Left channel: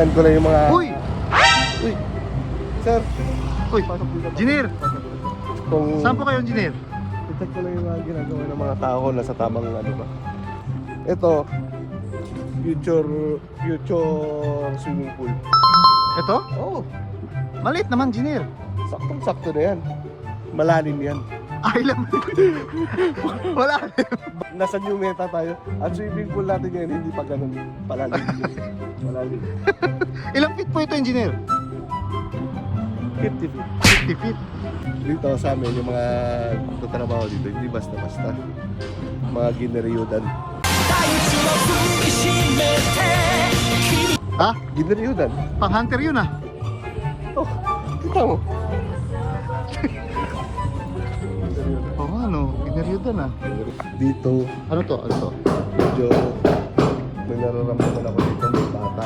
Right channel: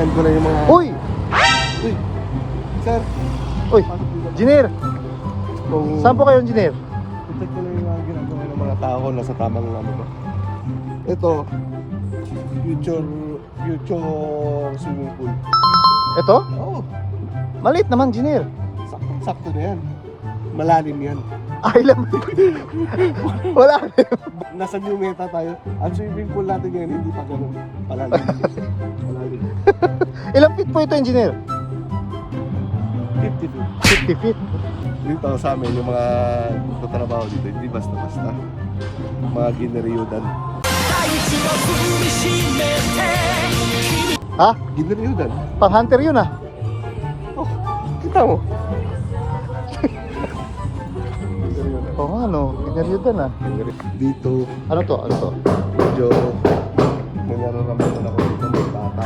titignan ko lang yung mga... Uy! Uy! Sir! Uy! Pasok dito. Engineer! Kung... Saan po kayo, engineer? I-check ko lang yung mga ginagawa ng mga tao na sa tamang ano ba. Ito, future swimming pool. Ito? Oo, Maliit naman, engineer. saktong-sakto na yan. Malalim yan. Ay lang. Wala. Nasa new meta tayo. Ang swimming pool natin ngayon hindi pa ganun. Palalim. Malalim. Ilang feet po ito, engineer? 50 feet. 50 feet. Dito sa amin, yung mga tatrabaho dito, hindi basta-basta. Mga gineryudan. Ha? Gineryudan? Pang hunter yun ah. Oh, kita mo. Oo nga no, ginaryudan ah. Dito, Ano to? Ano to? medyo may nararamdaman ako dito, may bata.